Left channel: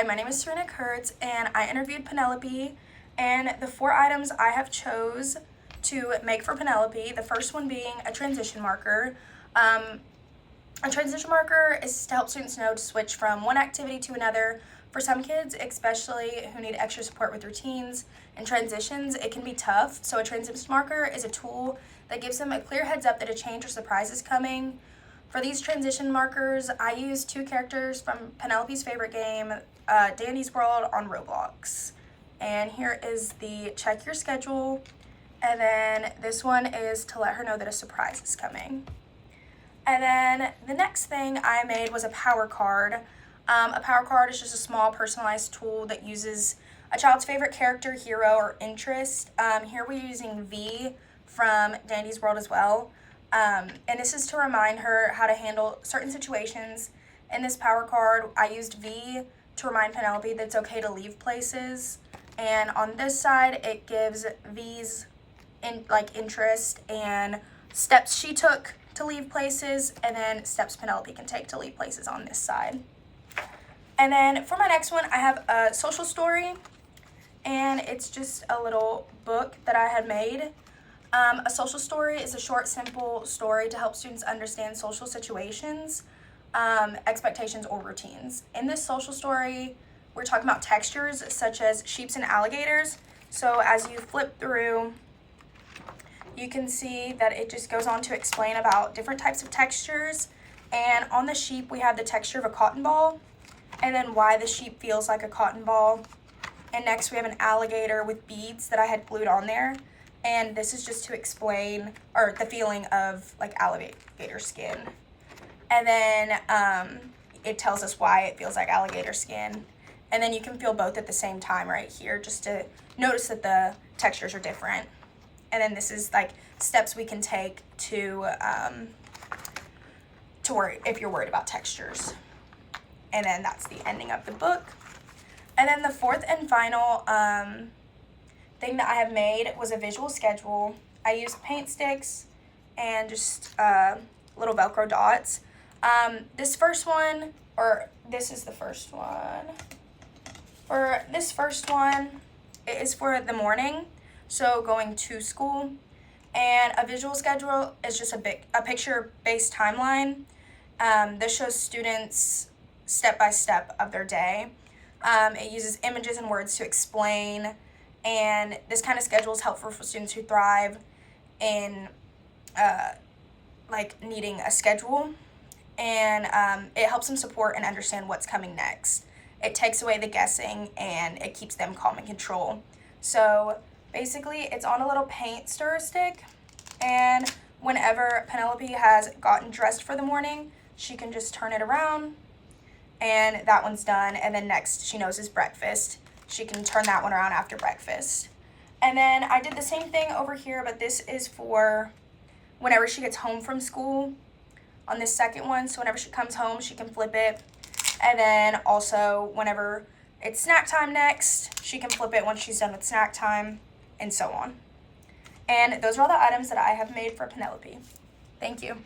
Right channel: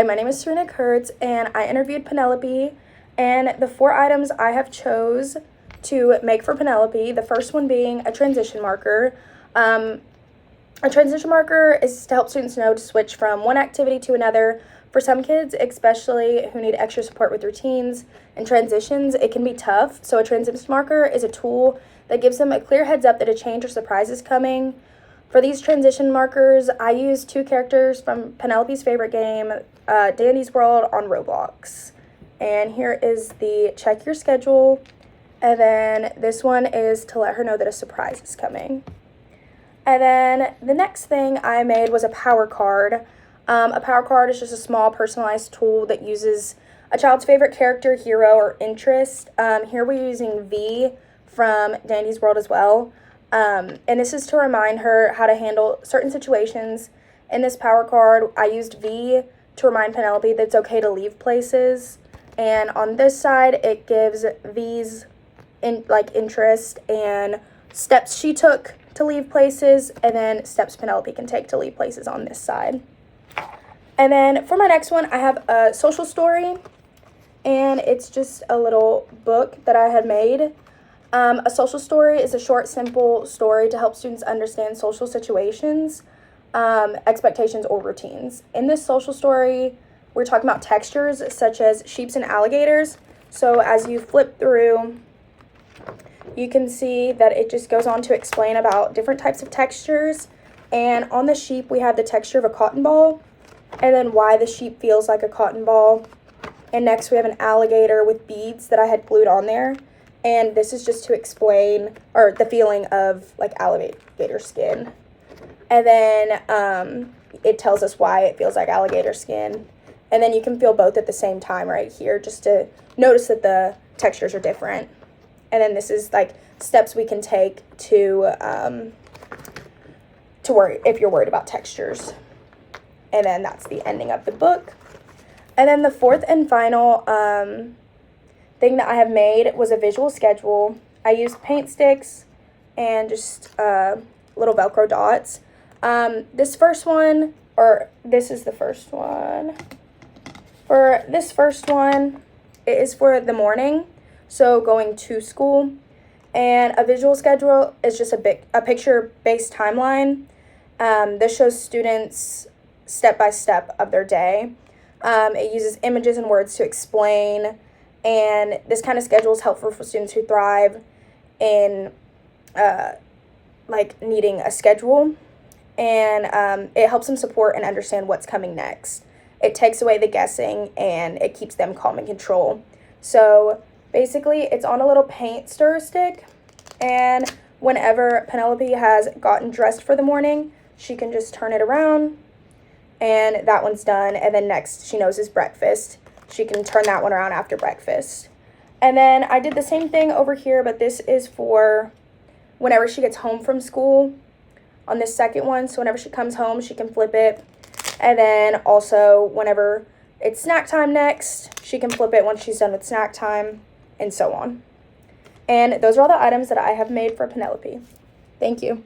Hi, my name is Serena Kurtz, and I interviewed Penelope, and the 4 items I have chose to make for Penelope, the first one being a transition marker. A transition marker is to help students know to switch from one activity to another. For some kids, especially who need extra support with routines and transitions, it can be tough. So a transition marker is a tool that gives them a clear heads up that a change or surprise is coming. For these transition markers, I use 2 characters from Penelope's favorite game, Dandy's World on Roblox. And here is the check your schedule. And then this one is to let her know that a surprise is coming. And then the next thing I made was a power card. A power card is just a small personalized tool that uses a child's favorite character, hero, or interest. Here we're using V from Dandy's World as well. And this is to remind her how to handle certain situations. In this power card, I used V to remind Penelope that it's okay to leave places. And on this side, it gives V's interest and steps she took to leave places, and then steps Penelope can take to leave places on this side. And then for my next one, I have a social story, and it's just a little book that I had made. A social story is a short, simple story to help students understand social situations, expectations, or routines. In this social story, we're talking about textures such as sheep and alligators. So as you flip through, you can see that it just goes on to explain about different types of textures. And on the sheep, we have the texture of a cotton ball, and then why the sheep feels like a cotton ball. And next we have an alligator with beads that I had glued on there. And this is just to explain, or the feeling of like alligator skin. And then it tells us why it feels like alligator skin. And then you can feel both at the same time right here, just to notice that the textures are different. And then this is like steps we can take to worry if you're worried about textures. And then that's the ending of the book. And then the fourth and final thing that I have made was a visual schedule. I used paint sticks and just little Velcro dots. This is the first one. For this first one, it is for the morning, so going to school. And a visual schedule is just a picture-based timeline. This shows students step-by-step of their day. It uses images and words to explain, and this kind of schedule is helpful for students who thrive in needing a schedule, and it helps them support and understand what's coming next. It takes away the guessing, and it keeps them calm and control. So basically, it's on a little paint stir stick, and whenever Penelope has gotten dressed for the morning, she can just turn it around, and that one's done. And then next, she knows is breakfast. She can turn that one around after breakfast. And then I did the same thing over here, but this is for whenever she gets home from school on this second one. So whenever she comes home, she can flip it. And then also whenever it's snack time next, she can flip it once she's done with snack time, and so on. And those are all the items that I have made for Penelope. Thank you.